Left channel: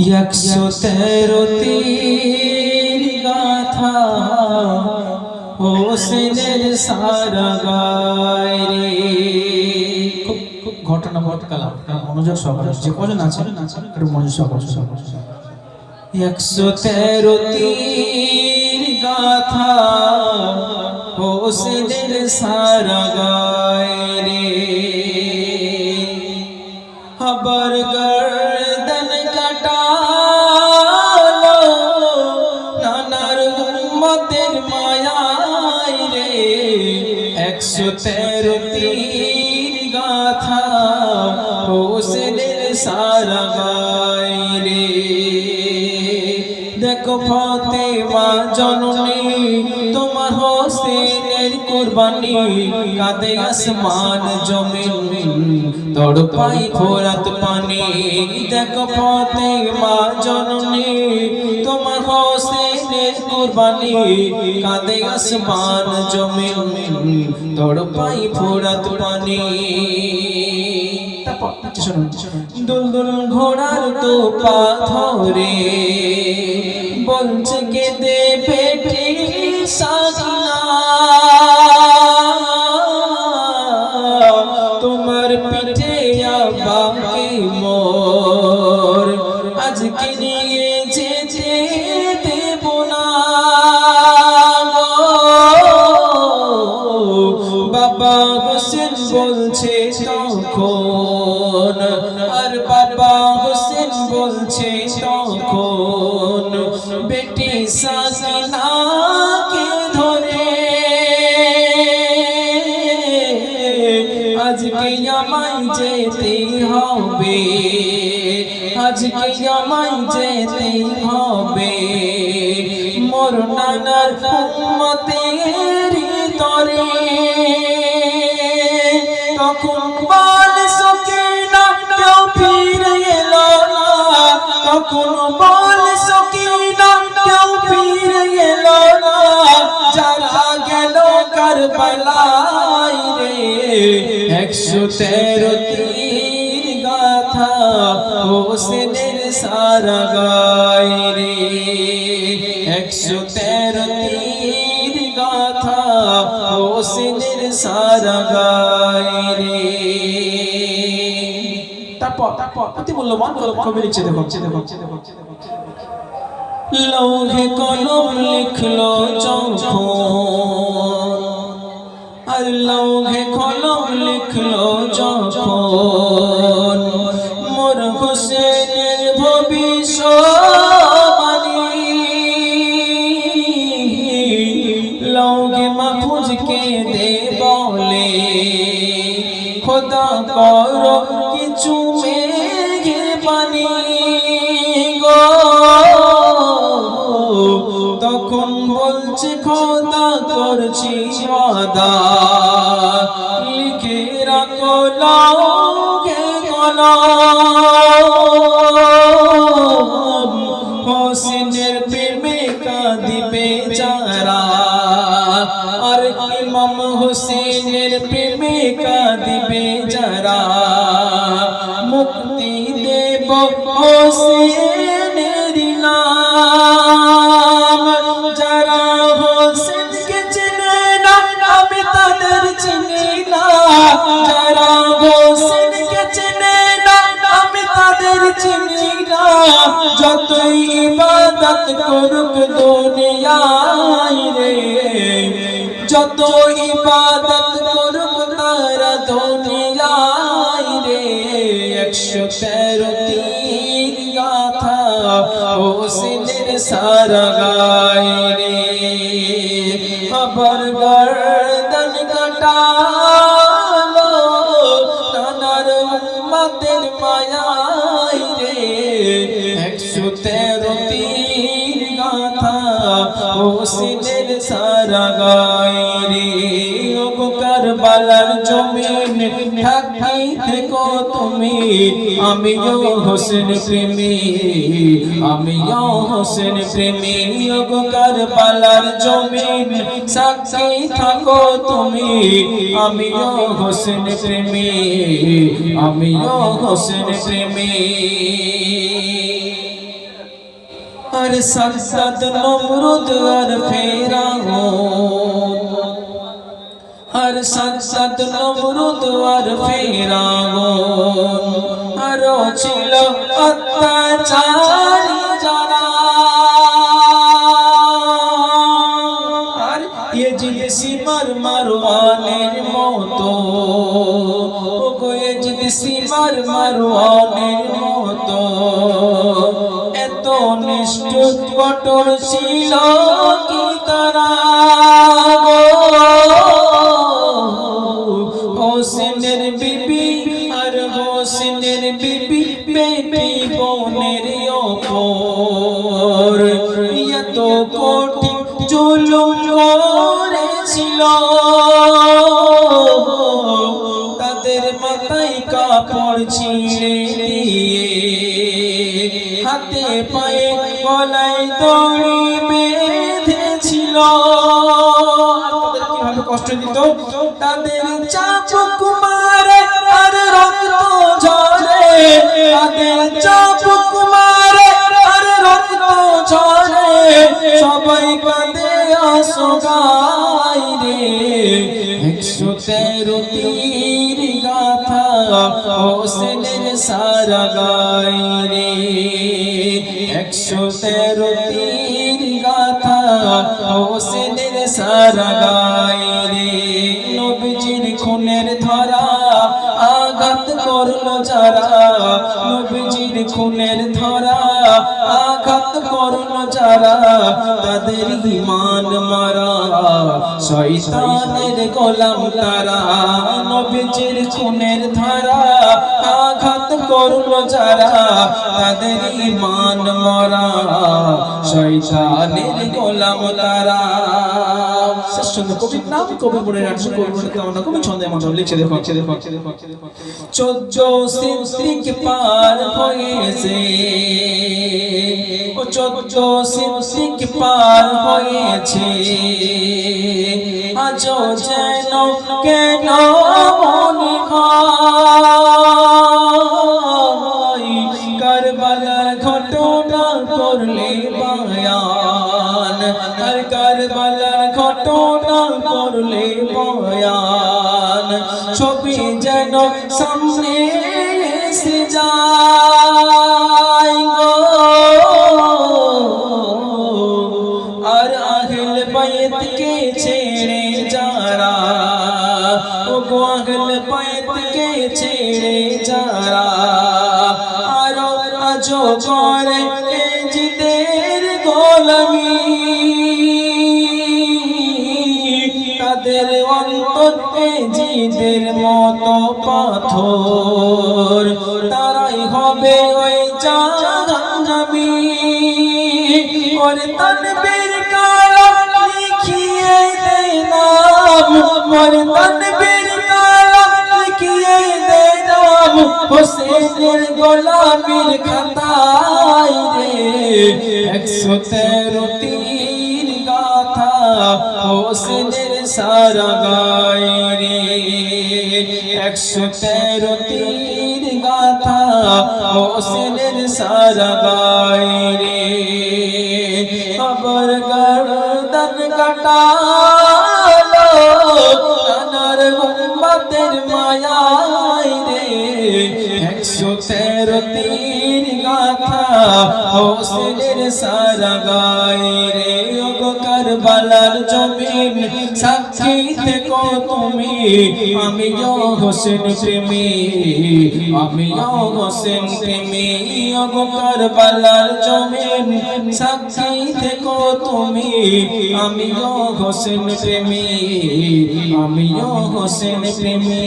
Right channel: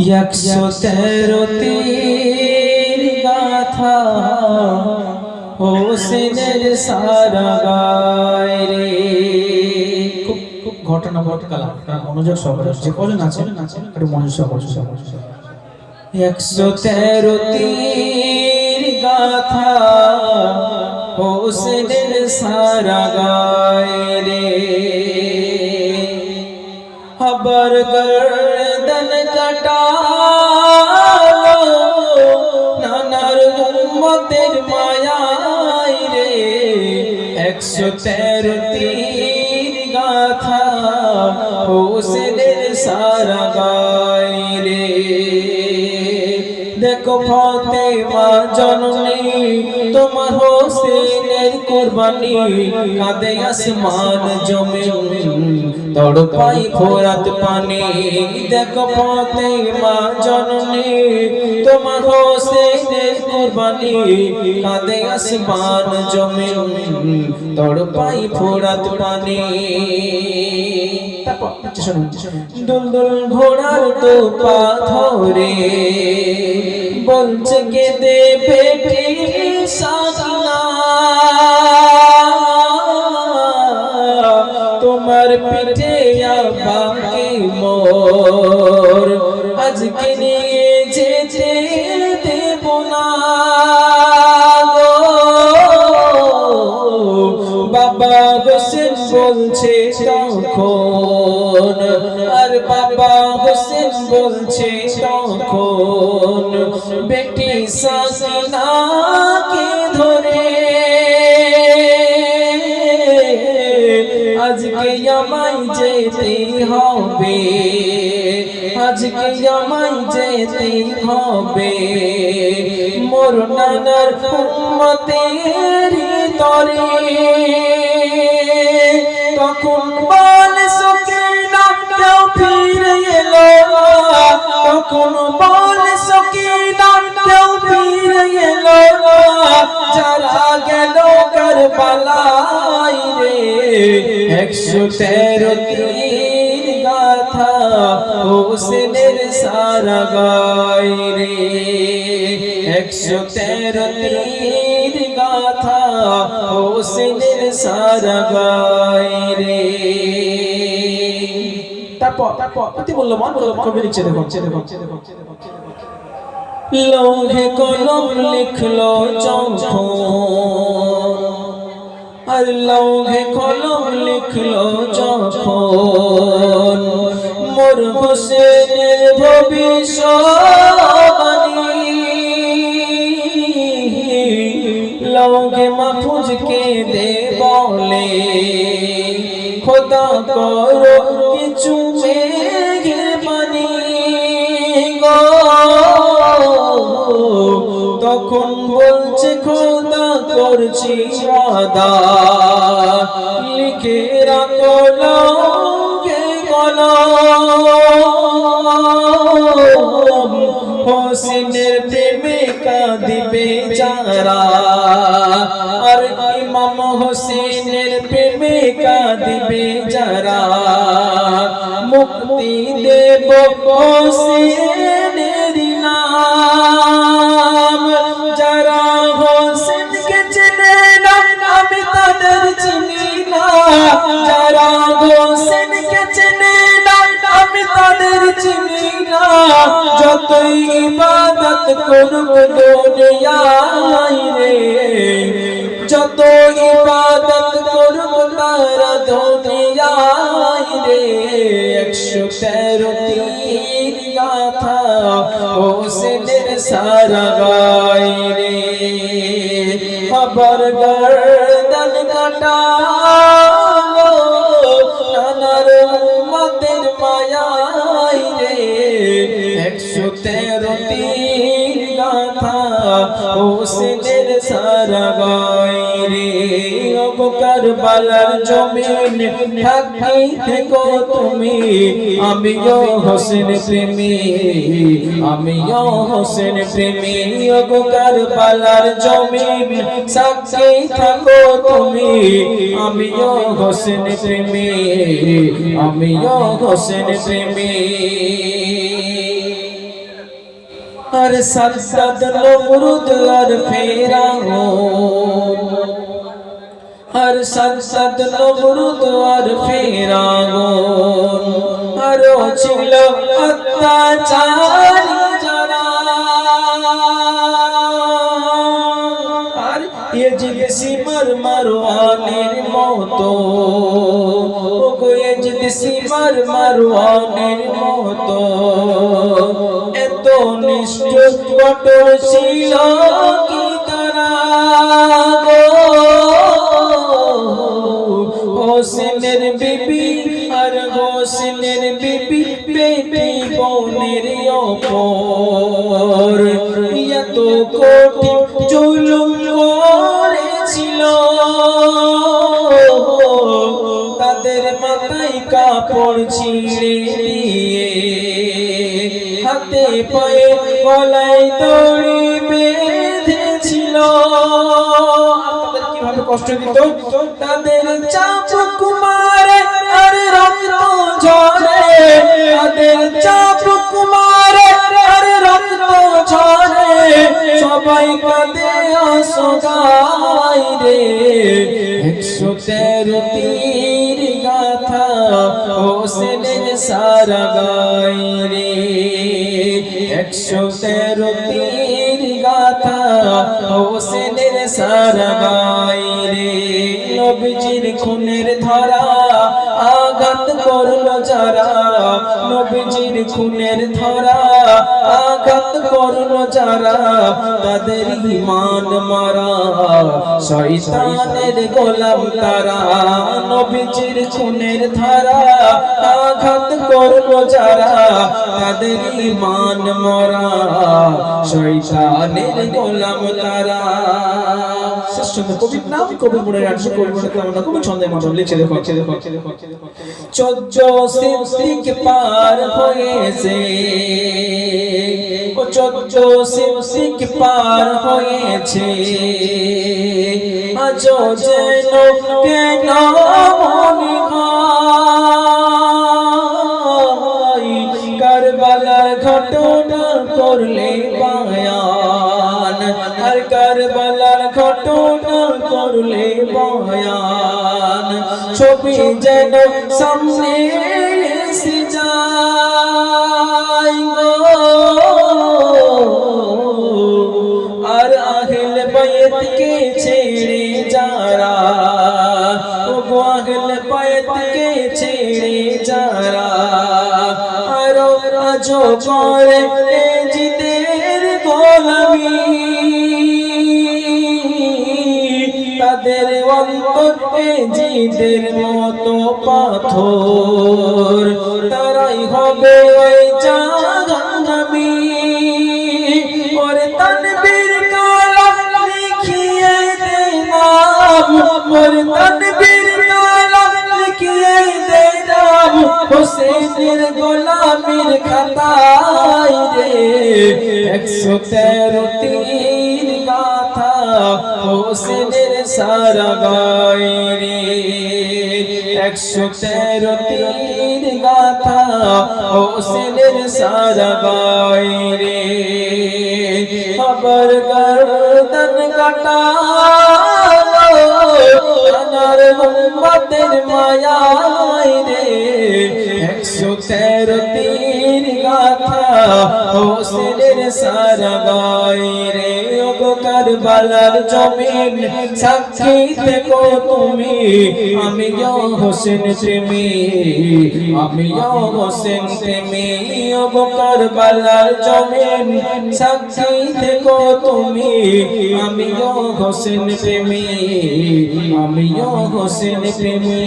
113 তীর গাথা হোসেনের সারা গায় রে। খুব ঘটনা ঘটকালাম, মনোযোগ সহকারে যে কজন আছেন একটু মনোযোগ সহকারে। 113 তীর গাথা হোসেনের সারা গায় রে। আবার গর্দন কাটালো নানার উম্মতের মায়ায় রে। 113 তীর গাথা হোসেনের সারা গায় রে। দেখো ফাতেমা জননী তোমার হোসেনের কুরবানি, কাঁদে আসমান জমিন তড়পাই ফোরাত পানি। দেখো ফাতেমা জননী তোমার হোসেনের কুরবানি, কাঁদে আসমান জমিন তড়পাই ফোরাত পানি। দুলদুল ঘোড়ার তো পাথরে বলছে কেঁদে পেটে সাধনা, তোমার পিঠে আবাকে মোর আজকে নিয়ে যেতে দেব না। বাবা হোসেন বলছে তখন, আর বাবা হোসেন বলছে তখন, বেটি সাকিনাকে ধরে আজকে আমায় যেতে হবে, আজকে আমায় যেতে হবে মোর নানার উম্মতের তরে। তখন বল সকিনা কেউ ফিরে এলো না, তখন বল সকিনা কেউ ফিরে এলো না, যারা গেল কারবালায় রে। 113 তীর গাথা হোসেনের সারা গায় রে। 113 তীর গাথা হোসেনের সারা গায় রে। তারপর অতি মূল্যবান কবি লিখছে, দেখো লৌহে কলম লিখলো যখন, আর লৌহে কলম লিখলো যখন, মোর হোসেনের ভবিষ্যবাণী। লৌহে মাহফুজকে দে বলে খোদা করো কিছু মেঘের পানি গো। তখন বলছে খোদা করছি ওয়াদা, লিখে রাখো লৌহে কলম। হোসেনের প্রেমে কাঁদিবে যারা, আর ইমাম হোসেনের প্রেমে কাঁদিবে যারা, মুক্তি দেব হোসেনের নাম। যারা হোসেনকে চেনে না আমি তাদের চিনি না, যারা হোসেনকে চেনে না আমি তাদের চিনি না। যতই ইবাদত করুক দুনিয়ায় রে, যত ইবাদত করুক তারা দুনিয়ায় রে। 113 তীর গাথা হোসেনের সারা গায় রে। আবার গর্দন কাটালো নানার উম্মতের মায়ায় রে। 113 তীর গাথা হোসেনের সারা গায় রে। কারবালার জমিন থাকি থেকো তুমি, আমিও হোসেন প্রেমী, আমিও হোসেন প্রেমী। কারবালার জমিন সাক্ষী থাকো তুমি, আমিও হোসেন প্রেমী, আমিও হোসেন প্রেমী। আর সাদ নমরুদ আর ফেরাউন, আর সাদ নমরুদ আর ফেরাউন, আরো ছিল অত্যাচারী যারা, আর ইয়াজিদ সিমার মারওয়ানের মতো, ইয়াজিদ সিমার মারওয়ানের মতো, এত নিষ্ঠুর কঠোর ছিল কি তারা গো। হোসেনের বিবি আর হোসেনের বিবি বেটি বোনের ওপর এত কঠিন জুলুম করেছিল, তাদের মাথায় কাপড় ছিঁড়ে দিয়ে, হাতে পায়ে গলায় দড়ি বেঁধেছিল, তাদের কিভাবে কষ্ট দিত, তাদের চাবুক মারে আর রক্ত ঝরে, তাদের চাবুক মারে আর রক্ত ঝরে, সবাই কাঁদে অসহায় রে। 113 তীর গাথা হোসেনের সারা গায় রে, 113 তীর গাথা হোসেনের সারা গায় রে। নবীজির খুনের ধারা আঘাত করলো যারা, নবীজির খুনের ধারা আঘাত করলো যারা, তাদের ঈমান মারা শয়তানের গোলাম তারা। নবীজির খুনের ধারা আঘাত করলো যারা, তাদের ঈমান মারা শয়তানের গোলাম তারা। কবির নাম কবির পড়ে আসছে, কবির পড়ে আমরা খুবই ছন্দে মাত্র লিখে দেখো। 14 সিদ্দিক পার হয়েছে, 14 সিদ্দিক পার হয়েছে, আজও যেন কেন মনে হয়, কারবালার ঘটনা করলে বয়ান, আর কারবালার ঘটনা করলে বয়ান, ছবি যেন সামনে এসে যায় গো। আর আহলে বাইতকে ছেড়ে যারা, ও গো আহলে বাইতকে ছেড়ে যারা, আর আজও করে জিদের গোলামি, তাদের অন্তর জিদের মতো পাথর, তারাই হবে ওই জাহান্নামী। ওরে তানবীর কালাম লিখিয়ে দে নাম, ওরে তানবীর কালাম লিখিয়ে দে নাম, হোসেনের গোলামীর খাতায় রে। 113 তীর গাথা হোসেনের সারা গায় রে, 113 তীর গাথা হোসেনের সারা গায় রে। আবার গর্দন কাটালো কানার উম্মতের মায়ায় রে, 113 তীর গাথা হোসেনের সারা গায় রে। ওগো কারবালার জমিন সাক্ষী থেকো তুমি, আমিও হোসেন প্রেমী, আমিও হোসেন প্রেমী। ওগো কারবালার জমিন সাক্ষী থেকো তুমি, আমিও হোসেন প্রেমী, আমিও হোসেন প্রেমী।